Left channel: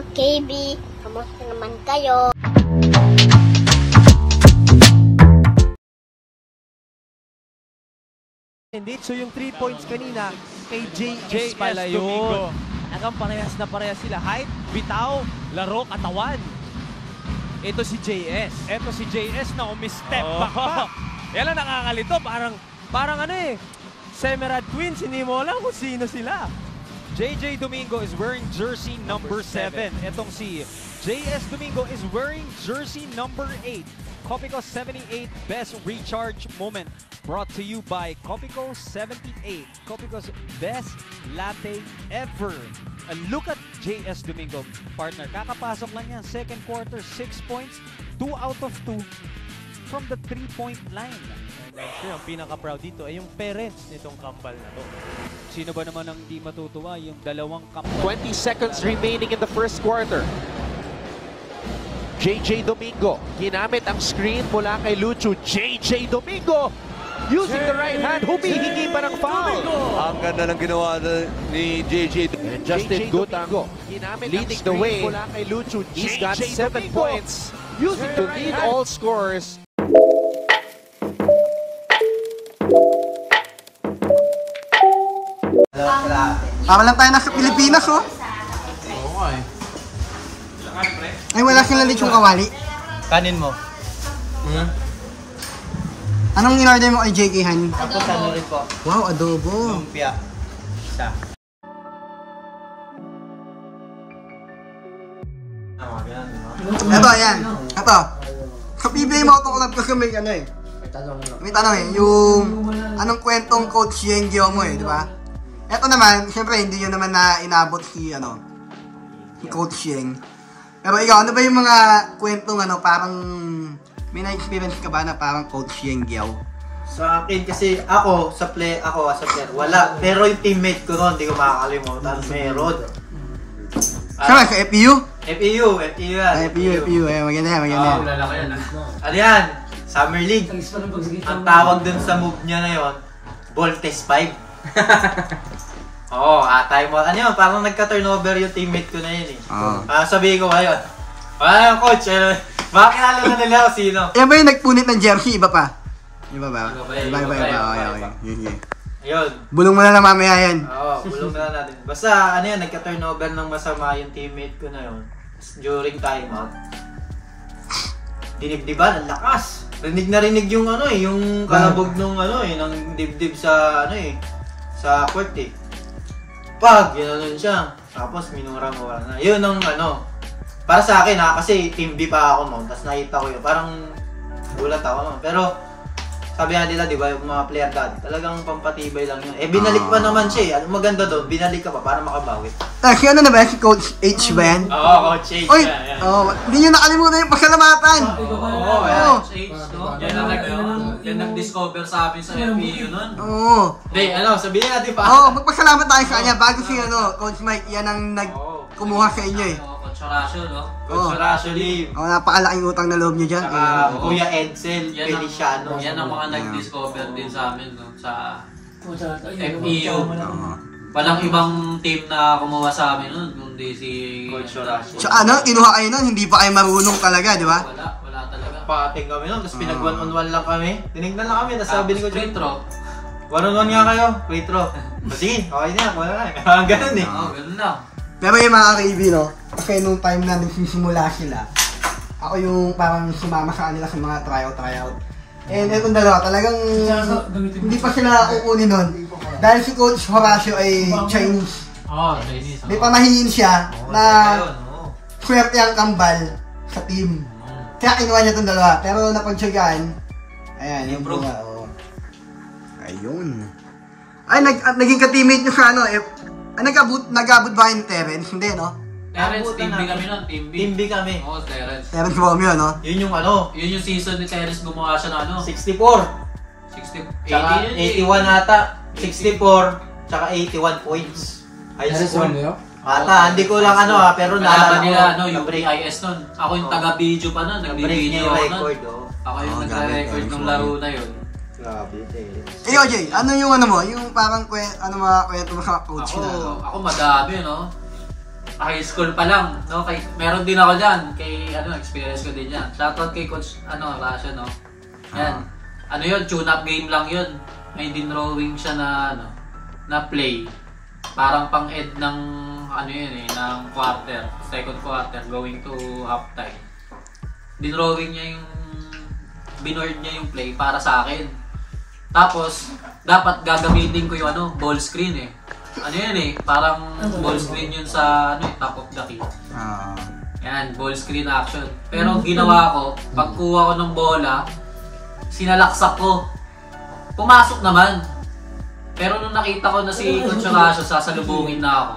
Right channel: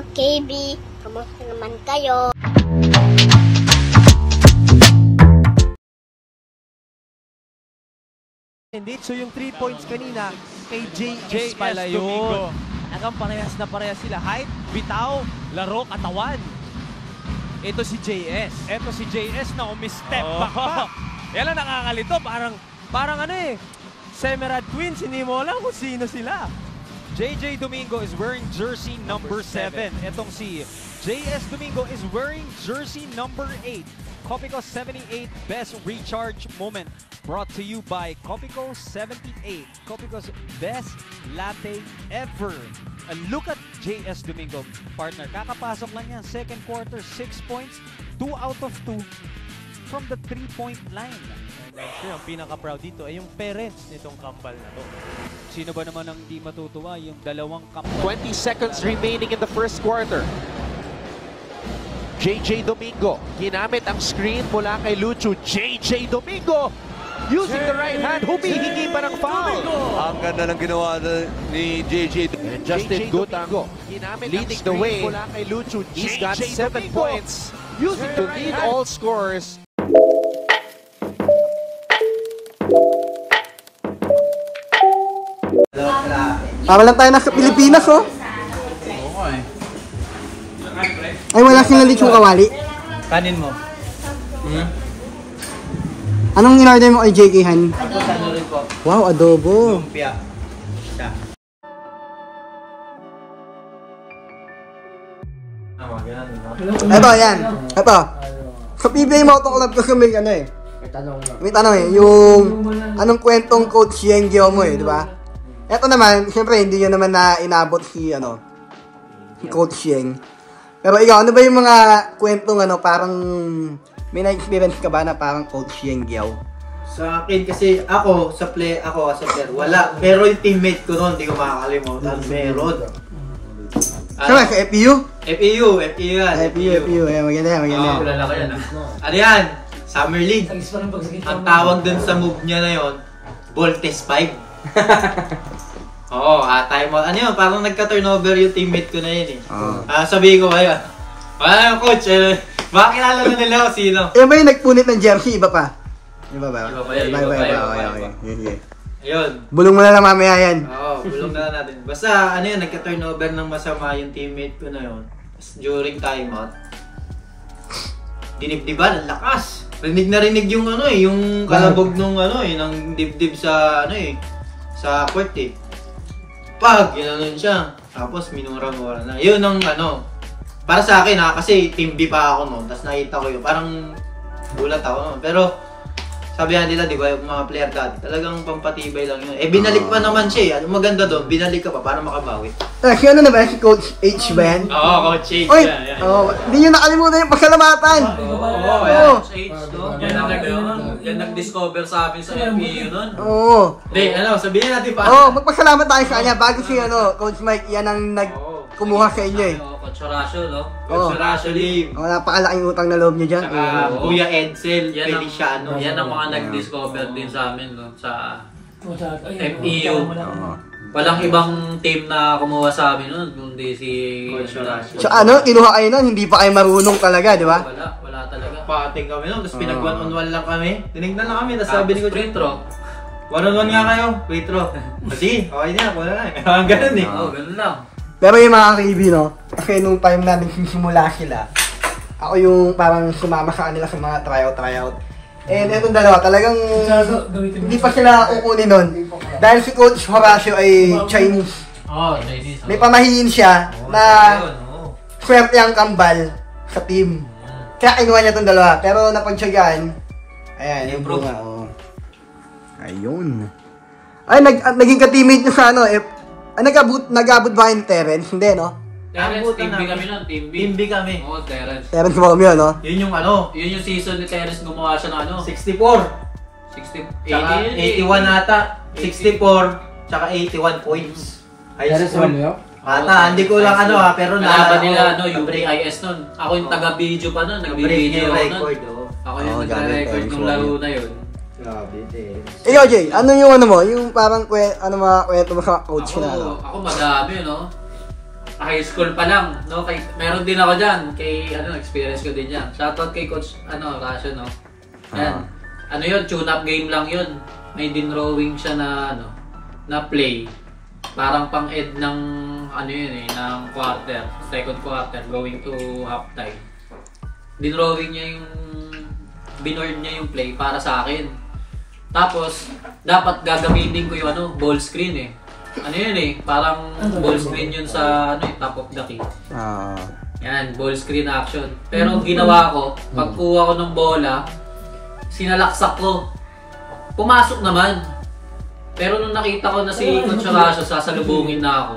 ka-KB. Kamusta naman kayo? Indeed, so yung 3 points kanina kay JS pala Domingo. yun. Hanggang parehas na parehas sila. Height, bitaw, laro, katawan. Ito si JS. Ito si JS na umi-step back pa. Yan lang nakakalito. Parang ano eh. Semerad Twins, hindi mo alam kung sino sila. JJ Domingo is wearing jersey number 7. Itong si JS Domingo is wearing jersey number 8. Copico 78 Best Recharge Moment. Brought to you by Copico 78. Copico's best latte ever. And look at JS Domingo, partner. Kakapasok lang yan. Second quarter, 6 points. 2 out of 2 from the 3-point line. And I'm sure ang pinaka-proud dito ay yung parents nitong kambal na to. Sino ba naman ang di matutuwa? Yung dalawang kambal. 20 seconds remaining in the first quarter. JJ Domingo, ginamit ang screen mula kay Lucho. JJ Domingo, using the right hand, humihingi pa ng foul. Ang ganda ng ginawa ni JJ. And Justin Domingo, leading the way mula kay Lucho. He's got 7 points, using to lead all scorers. Para lang tayo nasa Pilipinas, oh. Ay, wala silang lechong kawali. Kanin mo. Anong in-order mo kay JK Han? Tapos ano rin po? Wow, adobo. Lumpia. Isa. Ito, yan. Ito. Sa PBA Moto Club kasi may ano eh. May tanong eh. Yung anong kwentong Coach Yengyo mo eh, di ba? Ito naman, siyempre hindi nyo naman na inabot si Coach Yeng. Pero ikaw, ano ba yung mga kwentong parang may na-experience ka ba na parang Coach Yeng Giao? Sa akin kasi ako as a player, wala. Pero yung teammate ko noon, hindi ko makakalimutan. Meron. Saan sa FPU? FPU yan. FPU. Ayan, maganda yan. Ano yan? Summer League. Ang tawag dun sa move niya na yun, Voltes 5. Oo, time out. Ano yun? Parang nagka-turnover yung teammate ko na yun eh. Sabihin ko ngayon, wala yung coach, makakilala na nila ako sino. Yan ba yung nagpunit ng jersey? Iba pa? Iba ba? Okay. Ayun. Bulong mo na lang mamaya yan. Oo, bulong na natin. Basta, ano yun, nagka-turnover ng masama yung teammate ko na yun. During time out, dinibdiban, ang lakas. Rinig na rinig yung yung kalabog nung ng dibdib sa sa court eh. Pag ginanon siya, tapos minura-mura na. Yun ang para sa akin kasi team B pa ako noon. Tapos nakita ko yun, parang gulat ako noon. Pero sabihan nila, di ba, yung mga player dati, talagang pampatibay lang yun. Binalik pa naman siya eh. Ano maganda doon, binalik ka pa para makabawi. Si na ba? Si Coach H ba yan? Oo, Coach H. Oy, hindi nyo nakalimutan yung pasalamatan. Oo. Yan nag-discover sa amin sa FPU nun. Oo. Hindi, sabihin natin pa. Magpasalamat tayo sa kanya bago si Coach Mike, yan ang kumuha sa inyo eh. Coach Horacio, no? Coach Horacio Lim. Napakalaking utang na loob niyo dyan. Kuya Edsel Feliciano. Yan ang mga nag-discover din sa amin, no? Sa FEU. Walang ibang team na kumuha sa amin nun, kundi si Coach Horacio. So kinuha kayo nun, hindi pa kayo marunong talaga, di ba? Wala talaga. Pating kami nun, tapos pinag-1-on-1 lang kami. Tinignan lang kami, tapos sabi ni Coach. Free throw. 1-on-1 nga kayo, free throw. Sige, okay na, wala na. Ganun eh. Oo, ganun lang. Pero yung mga Pilipino, kasi nung time na nagsisimula sila, ako yung parang sumama sa kanila sa mga tryout. And itong dalawa, talagang hindi pa sila kukunin nun. Dahil si Coach Horacio ay Chinese. Chinese. May pamahiin siya na swerte ang kambal sa team. Kaya kinuha niya itong dalawa. Pero napagtsagaan, ayan, improve. Ayun. Ay, naging ka-teammate niyo sa nag-abot ba yung Terence? Hindi, no? Terence, team B kami nun, team B. Team B kami. Oo, Terence. Terence mo kami, no? Yun yung Yun yung season ni Terence, gumawa siya na 64. 81 ata. 64, tsaka 81 points. High school. Ata, hindi ko lang pero nalaban nila, UPIS nun. Ako yung taga-video pa nun, nag-video ako nun. Ako yung nag-record ng laro na yun. Grabe, Ikaw, Jay, ano yung mo? Yung parang mga kwento mo sa coach na Ako madami, no? high school pa lang, no? Meron din ako diyan, experience ko din 'yan. Shoutout kay Coach Rasha, no. Yan. Ano 'yun, tune-up game lang 'yun. May dinrawing siya na play. Parang pang-ed ng ng second quarter going to halftime. Dinrawing niya binord niya yung play para sa akin. Tapos dapat gagamitin ko yung ball screen eh. Parang ball screen yun sa top of the key. Yan, ball screen action. Pero ang ginawa ko, pagkuha ko ng bola, sinalaksak ko. Pumasok naman. Pero nung nakita ko na si Coach Rasha, sasalubungin na ako.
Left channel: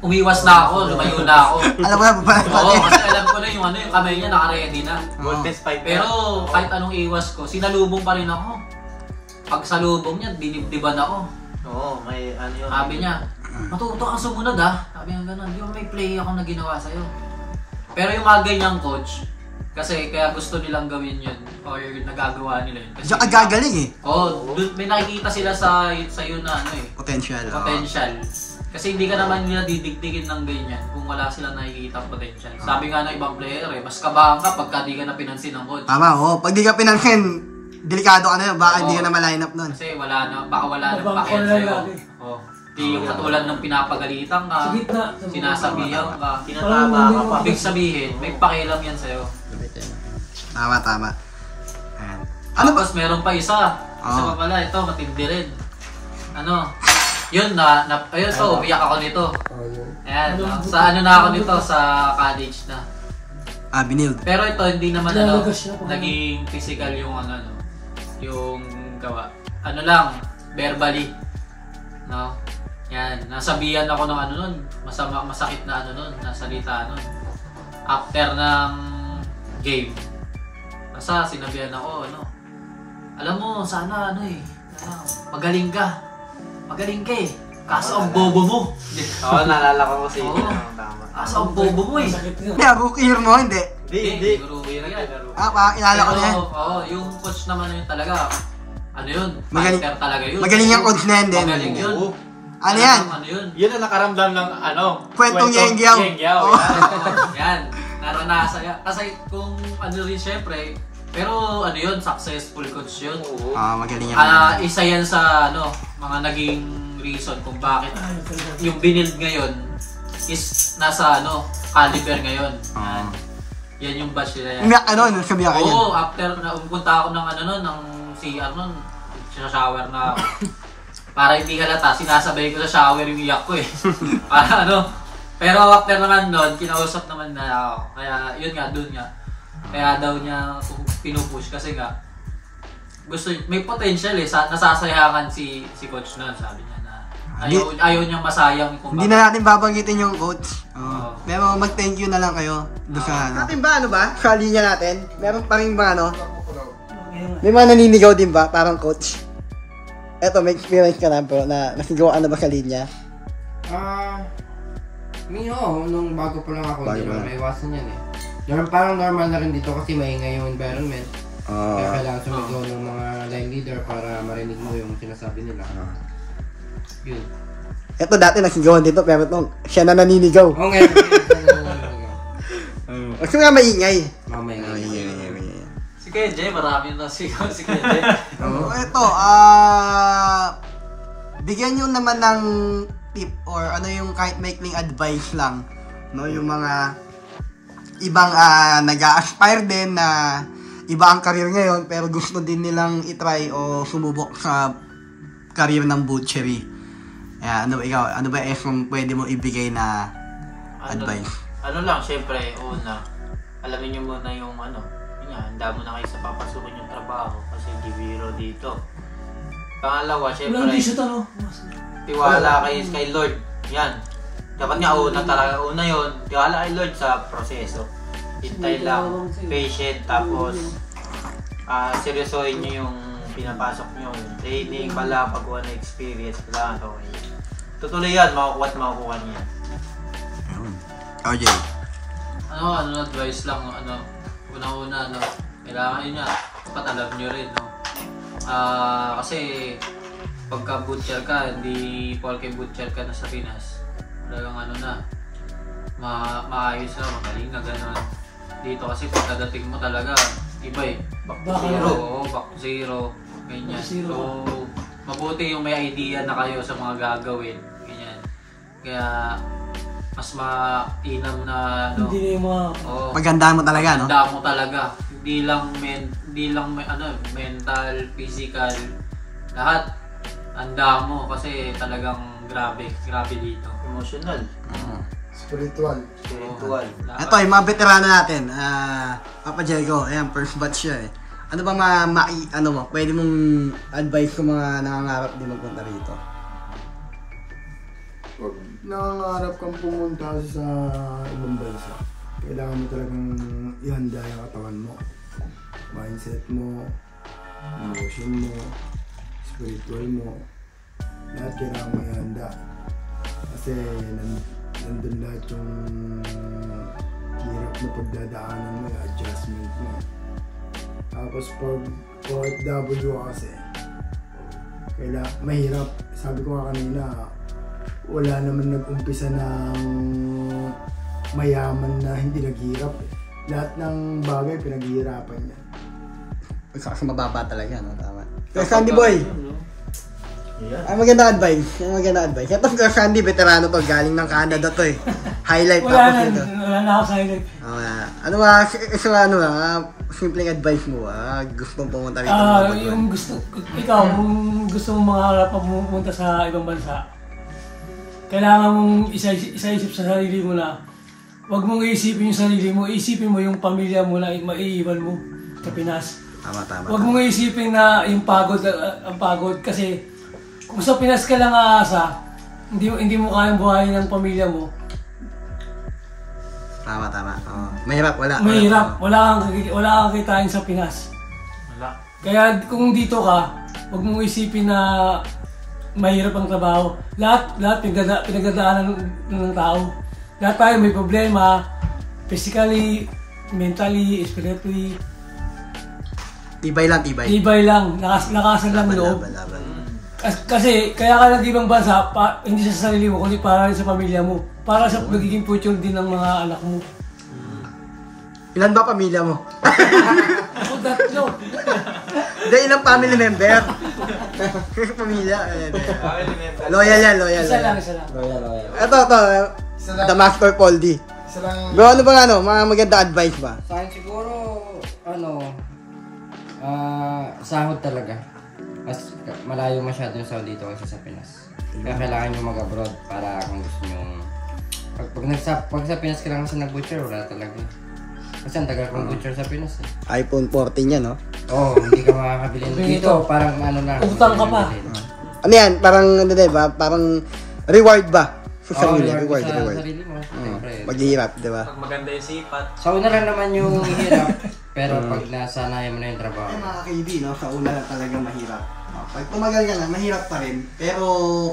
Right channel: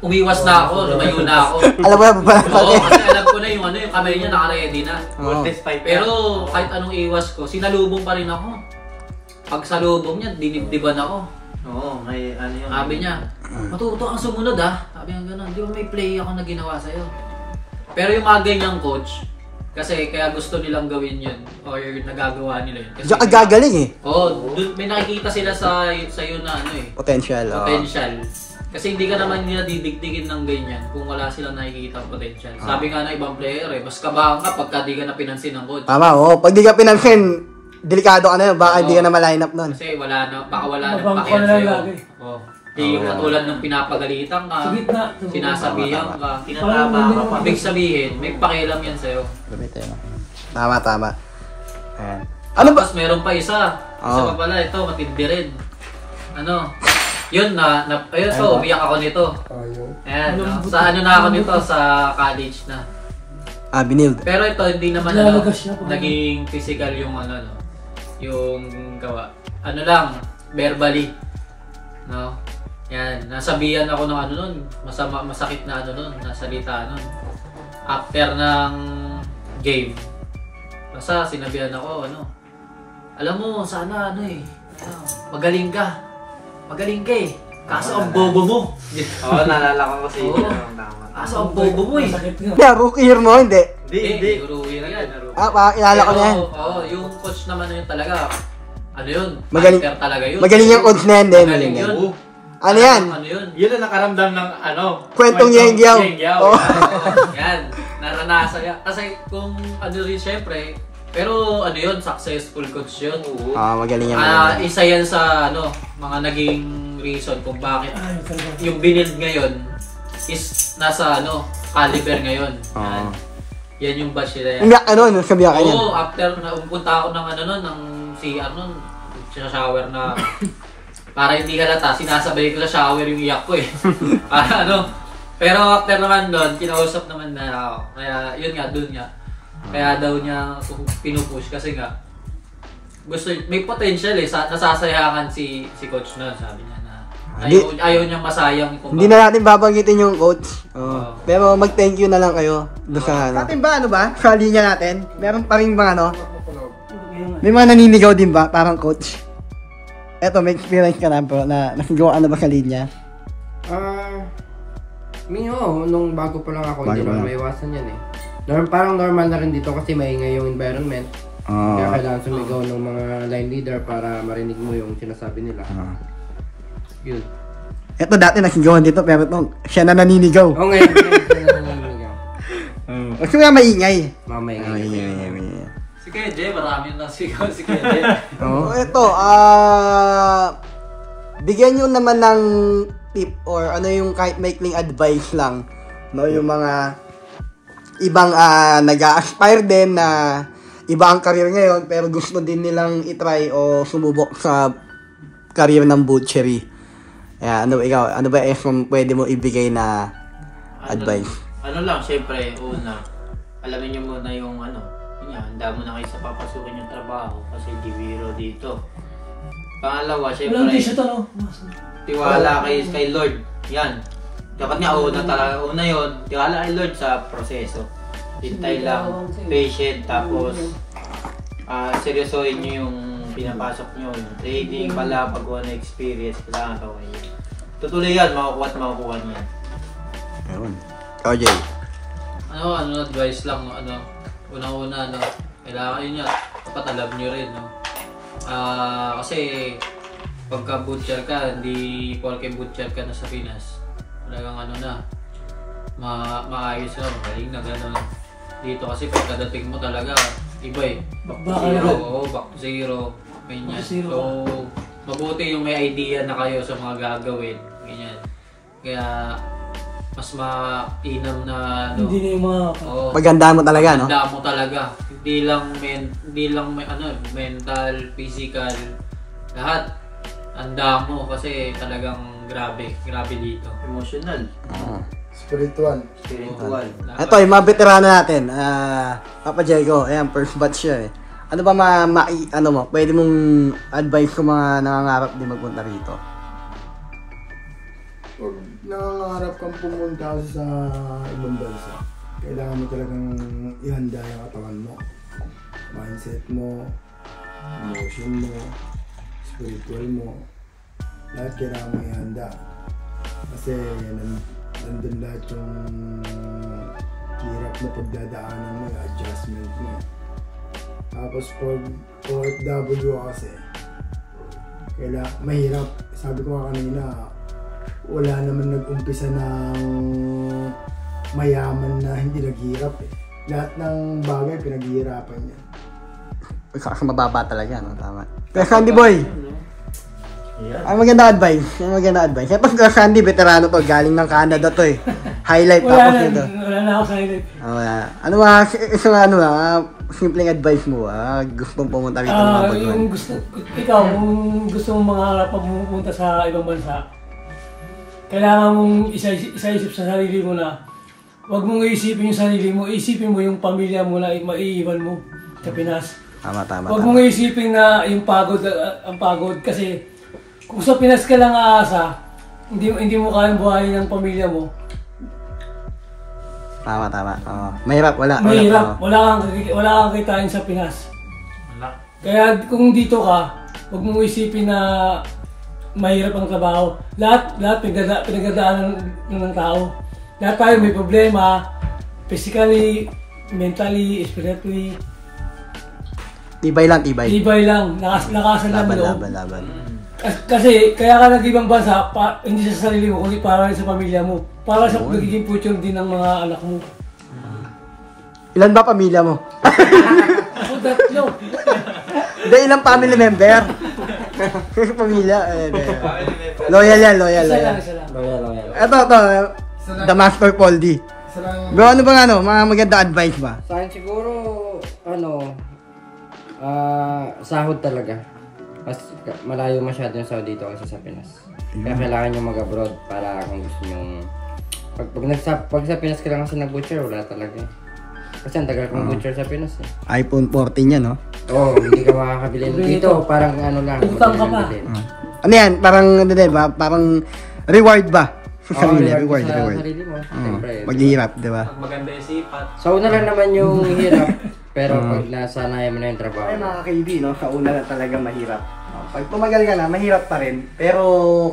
Umiwas na ako, lumayo na ako. Alam mo na ba? Oo, kasi alam ko na yung kamay niya naka-ready na. Pero kahit anong iwas ko, sinalubong pa rin ako. Pag salubong niya, dinibdiban ako. Oo, may yun. Sabi niya, matuto kang sumunod Sabi niya gano'n, di ba may play ako na ginawa sa'yo? Pero yung mga ganyang coach, kasi kaya gusto nilang gawin yun, or nagagawa nila yun. Diyan ka gagaling eh. Oo, may nakikita sila sa'yo na Potential. Potential. Kasi hindi ka naman nila didikdikin ng ganyan kung wala silang nakikita potential. Sabi nga ng ibang player mas kabahan ka pagka di ka na pinansin ng coach. Tama, pag di ka pinansin, delikado ka na yun, baka hindi ka na ma-line up nun. Kasi baka wala nang pakialam sa'yo. Hindi yung katulad ng pinapagalitan ka, sinasabihan ka, tinatama ka. Ibig sabihin, may pakialam yan sa'yo. Tama. Ayan. Tapos meron pa isa. Isa pa pala, ito, matindi rin. Yun ayun to, umiyak ako nito. Ayan, sa na ako nito, sa college na. Binild. Pero ito, hindi naman naging physical yung yung gawa. Lang, verbally. No? Yan, nasabihan ako ng nun, masakit na nun, nasalita nun. After ng game. Basta sinabihan ako, alam mo, sana magaling ka. Magaling ka eh. Kaso ang bobo mo. Oo, naalala ko kasi yun. Kaso ang bobo mo eh. Rookie year mo, hindi? Hindi. Rookie yan. Ilala ko na yan. Oo, yung coach naman yun talaga. Yun? Magaling talaga yun. Magaling yung coach na yan din. Magaling yun. Ano yan? Yun? Yun ang nakaramdam ng Kwentong Yengyaw. Yan. Naranasan yan. Kasi kung rin syempre, pero yun, successful coach yun. Magaling yan. Isa yan sa mga naging reason kung bakit yung binild ngayon is nasa caliber ngayon. Yan yung batch nila yan. Umiyak ka nun, sabihan ka yan. Oo, after na pumunta ako ng ng CR nun, sa shower na ako. Para hindi halata, sinasabay ko sa shower yung iyak ko eh. Para Pero after naman doon, kinausap naman na ako. Kaya yun nga, dun nga. Kaya daw niya pinupush kasi nga may potential eh. Nasasayangan si coach noon, sabi niya na ayaw niyang masayang. Hindi na natin babanggitin yung coach. Pero mag-thank you na lang kayo doon sa Atin ba, sa linya natin, meron pa rin mga may mga naninigaw din ba, parang coach? Eto, may experience ka na pero nasigaw ka na ba sa linya? Nung bago pa lang ako, hindi naman maiwasan yan eh. Parang normal na rin dito kasi maingay yung environment. Kaya kailangan sumigaw ng mga line leader para marinig mo yung sinasabi nila. Yun. Ito dati nasigawan dito pero siya na naninigaw. Oo, ngayon siya na naninigaw. Kasi may maingay. Maingay. Si Kuya Jay, marami na sigaw si Kuya Jay. Ito, bigyan nyo naman ng tip or yung kahit maikling advice lang. Yung mga ibang nag-a-aspire din na iba ang career ngayon pero gusto din nilang itry o sumubok sa career ng butchery. Ikaw, ano ba kung pwede mo ibigay na advice? Lang, syempre, una, alamin nyo muna yung handa mo na kayo sa papasukin yung trabaho kasi di biro dito. Pangalawa, syempre, tiwala kayo kay Lord. Yan. Dapat nga una yun, tiwala kay Lord sa proseso. Hintay lang, patient, tapos seryosohin nyo yung pinapasok nyo. Training, pala, pagkuha na experience, kailangan ito kayo. Tutuloy yan, makukuha at makukuha niya. Ayun. OJ. Advice lang, una-una, kailangan yun dapat alam nyo rin, kasi pagka butcher ka, hindi porke butcher ka na sa Pinas. Talagang maayos na, magaling na gano'n. Dito kasi pagkadating mo talaga, iba eh. Back to zero. Ganyan. So, mabuti yung may idea na kayo sa mga gagawin. Ganyan. Kaya, mas mainam na ano. Hindi yung mga pagandaan mo talaga, no? Pagandaan mo talaga. Hindi lang mental, physical, lahat anda mo kasi talagang grabe dito. Emotional. Spiritual. Ito, yung mga veterano natin. Papa Diego, ayan, first batch siya eh. Ano ba pwede mong advice kung mga nangangarap din magpunta rito? Pag nangangarap kang pumunta sa ibang bansa, kailangan mo talagang ihanda yung katawan mo, mindset mo, emotion mo, spiritual mo, lahat kailangan mo ihanda. Kasi nandun lahat yung hirap na pagdadaanan mo, yung adjustment mo. Tapos pag OFW kasi, mahirap. Sabi ko nga kanina, wala naman nag-umpisa ng mayaman na hindi naghirap eh. Lahat ng bagay pinaghihirapan niya. Kasi mababa talaga, no? Tama. Kaya Sandy Boy, ang maganda advice. Ito si Sandy, veterano to, galing ng Canada to eh. Highlight wala na ako sa highlight. Ano ba, simpleng advice mo, gustong pumunta rito? Ikaw, kung gusto mong mangarap pumunta sa ibang bansa, kailangan mong isa-isip sa sarili mo na huwag mong iisipin yung sarili mo, isipin mo yung pamilya mo na maiiwan mo sa Pinas. Tama. Huwag mong iisipin na yung pagod, ang pagod kasi kung sa Pinas ka lang aasa, hindi mo kayang buhayin ng pamilya mo. Tama. Mahirap, wala kang kitain sa Pinas. Kaya kung dito ka, huwag mong isipin na mahirap ang trabaho. Lahat pinagdadaanan ng tao. Lahat tayo may problema, physically, mentally, spiritually. Tibay lang. Lakasan lang loob. Kasi kaya ka nag-ibang bansa, hindi sa sarili mo, kundi para sa pamilya mo. Para sa magiging future din ng mga anak mo. Ilan ba pamilya mo? Ako 3. Hindi, ilang family member? Pamilya, loyal yan. Isa lang. Ito, The Master Paul D. Ano ba mga maganda advice ba? Sa akin siguro, sahod talaga. Mas malayo masyado yung sahod dito kaysa sa Pinas. Kaya kailangan nyo mag-abroad para kung gusto nyo... Pag sa Pinas ka lang kasi nag-butcher, wala talaga. Kasi ang tagal kong butcher sa Pinas eh. iPhone 14 yan, no? Oo, hindi ka makakabilin. Dito, parang lang, madali lang bilhin. Ano yan? Parang reward ba? Oo, reward sa sarili mo. Siyempre. Maghihirap, di ba? Maganda yung sipat. Sa una lang naman yung hirap. Pero pag nasanayan mo na yung trabaho. Ay mga ka-KD, no? Sa una lang talaga mahirap. Pag tumagal ka na, mahirap pa rin. Pero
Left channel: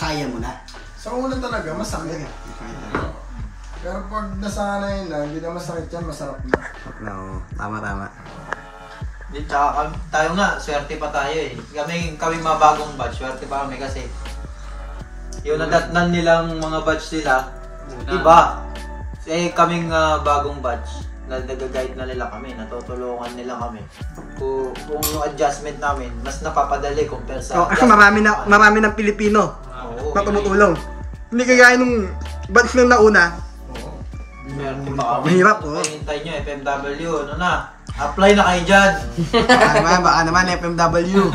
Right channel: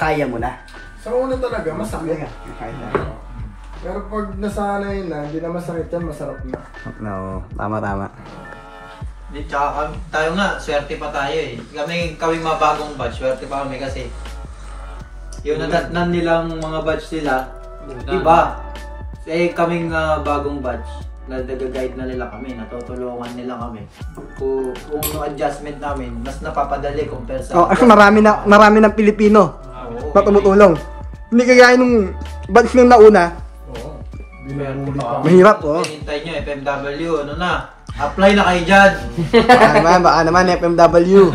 kaya mo na. Sa una talaga, masakit. Kaya na. Pero pag nasanay na, hindi na masakit yan, masarap na. No, tama. Tsaka tayo nga, swerte pa tayo eh. Kami mabagong batch, swerte pa kami kasi yung nadatnan nilang mga batch nila, iba. Kaming bagong batch, nag-guide na nila kami, natutulungan nila kami. Kung adjustment namin, mas napapadali compare sa... kasi marami ng Pilipino na tumutulong. Hindi kaya nung batch nung nauna, mahirap, hintay nyo, FMW, apply na kayo dyan. Baka naman, FMW.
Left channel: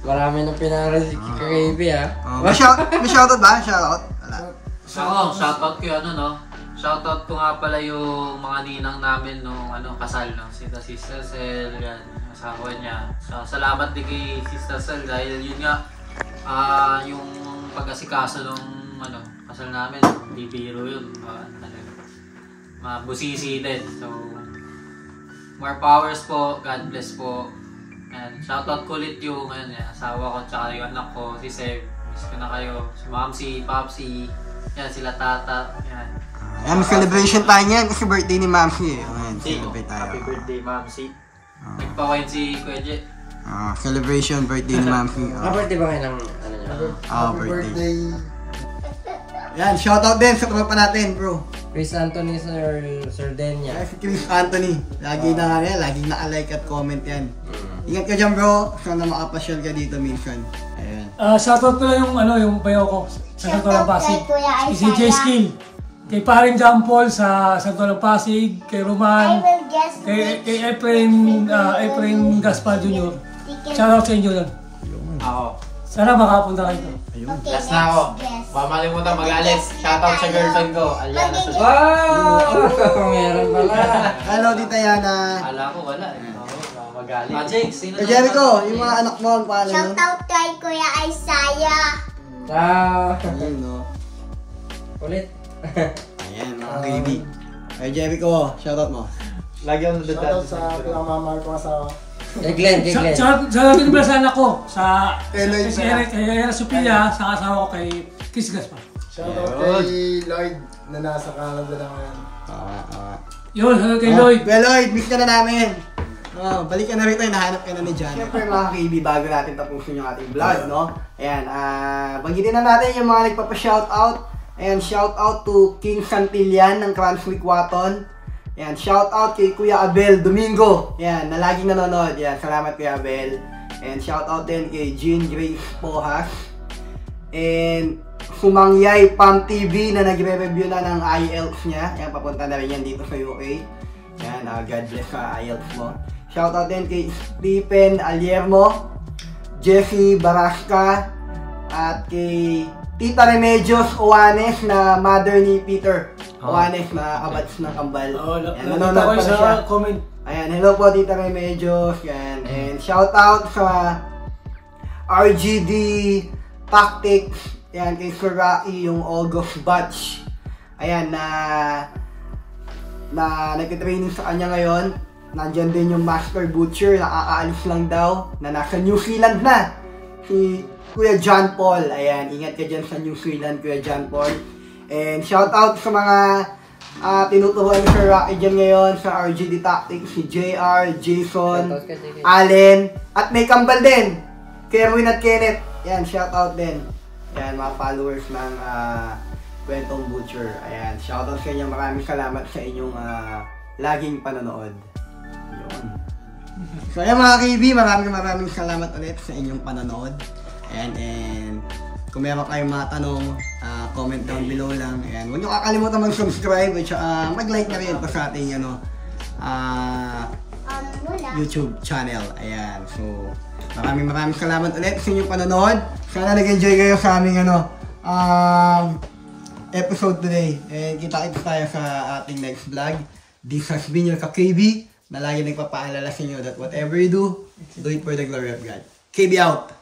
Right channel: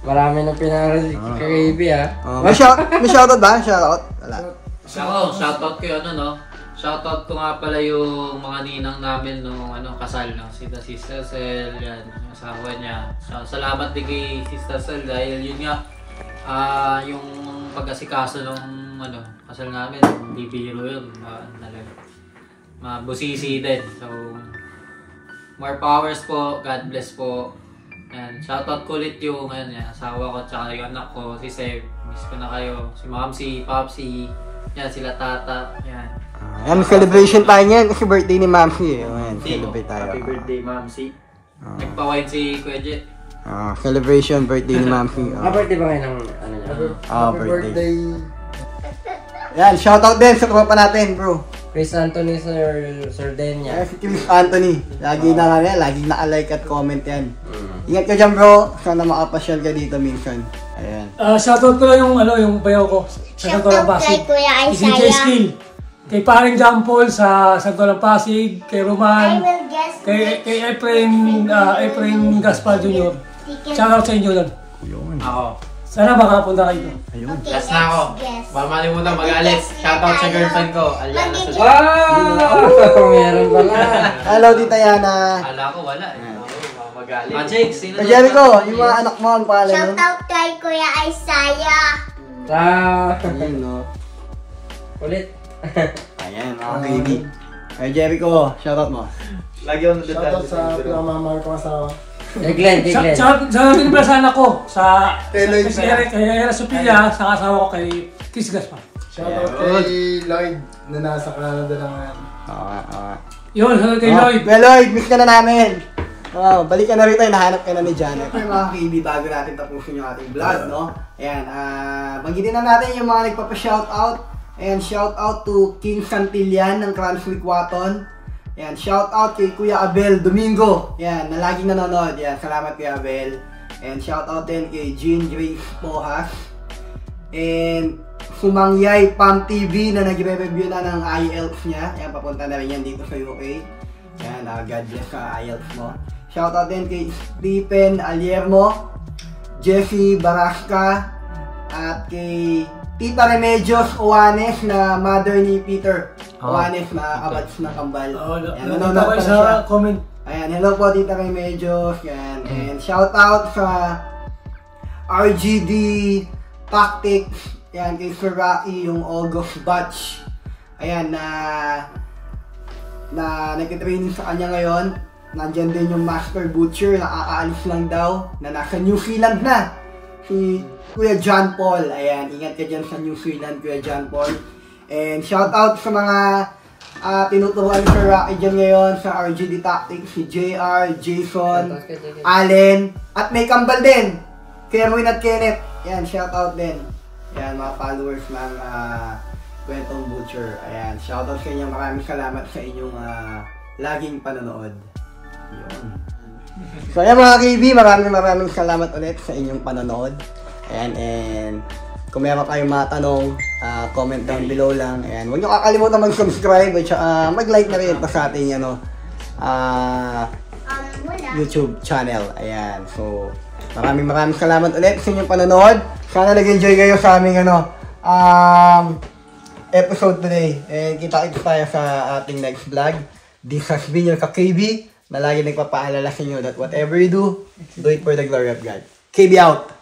Marami na pinaral si Kakaib, May shoutout ba? Shoutout? Wala. Shoutout ko yun, Shoutout ko nga pala yung mga ninang namin nung kasal, si Sister Cel, yan, yung asawa niya. So, salamat din kay Sister Cel dahil yun nga, yung pag-asikaso nung kasal namin, hindi biro yun. Mabusisi din. So, more powers po, God bless po. And shoutout ko ulit yung asawa ko tsaka yung anak ko, si Seb. Miss ko na kayo. Si Ma'am, si Popsi, yan, sila Tata. Yan, celebration tayo niyan kasi birthday ni Mamsi. Yan, celebrate tayo. Happy birthday, Mamsi. Nagpa-wine si Kuya Jet. Celebration, birthday ni Mamsi. Birthday ba kayo ng birthday. Yan, shoutout din sa tropa natin, bro. Chris Anthony Sardenia. Si Chris Anthony. Lagi naka-like at comment yan. Ingat ka dyan bro. Sana makapasyal ka dito minsan. Ayan. Shoutout ko lang yung bayaw ko. Sa Santo Lang Pasig. Si CJ Skill. Kay paring John Paul sa Santo Lang Pasig. Kay Roman. Kay Efrain Gaspar Jr. Shoutout sa inyo lang. Ako. Sana makapunta kayo. Yes na ako. Baka malimutan mag-alis. Shoutout sa girlfriend ko. Aliana sa Meron pala. Hello, Tita Yana. Ala ko wala. Mag-alis. Magic, sino na? Jericho, yung mga anak mo, ang pangalan. Shoutout kay Kuya Isaiah. Ayan, no. Ulit. Ayan, mga baby. Kay Jericho, shoutout mo. Lagi ako nandito. Shoutout sa pinamamahal ko asawa. Glenn. Sa pinabalasan ako, sa Lloyd si Eric, kay Era Sophia, sa kasawa ko kay Kiss Gaspar. Shoutout kay Lloyd na nasa Canada na ngayon. Yun, kay Lloyd. Well, Lloyd, miss ka na namin. Balik ka na rito, nahanap ka na ni John. Siyempre mga KB, bago natin tapusin yung ating vlog, no? Ayan, banggitin na natin yung mga nagpapa-shoutout. Ayan, shoutout to King Santillan ng Cranswick Watton. Ayan, shoutout kay Kuya Abel Domingo. Ayan, na laging nanonood. Ayan, salamat Kuya Abel. And shoutout din kay Jean Grace Pohas. And Sumangyay Pam TV na nagre-review na ng IELTS niya. Ayan, papunta na rin yan dito sa UK. Ayan, God bless sa IELTS mo. Shoutout din kay Stephen Aliermo, Jeffy Barasca, at kay Tita Remedios Oanes na mother ni Peter Oanes na kabats na kambal. Ayan, nanonood pala siya. Ayan, hello po Tita Remedios. Ayan, and shoutout sa RGD Tactics. Ayan, kay Sir Rocky, yung August batch. Ayan, na nagka-training sa kanya ngayon. Nandyan din yung Master Butcher, nakakaalis lang daw, na nasa New Zealand na. Si Kuya John Paul. Ayan, ingat ka dyan sa New Zealand, Kuya John Paul. And shout out sa mga tinuturuan ni Sir Rocky dyan ngayon sa RGD Tactics, si JR, Jason, Allen, at may kambal din, Kerwin at Kenneth. Ayan, shout out din. Ayan, mga followers ng Kwentong Butcher. Ayan, shout out sa inyo. Maraming salamat sa inyong laging panonood. Yun. So ayan mga KB, maraming salamat ulit sa inyong panonood. Ayan, and kung meron kayong mga tanong, comment down below lang. Ayan, huwag nyo kakalimutan mag-subscribe at saka mag-like na rin ito sa ating YouTube channel. Ayan, so maraming salamat ulit sa inyong panonood. Sana nag-enjoy kayo sa aming episode today. And kita-kita tayo sa ating next vlog. This has been your ka-KB na lagi nagpapaalala sa inyo that whatever you do it for the glory of God. KB out!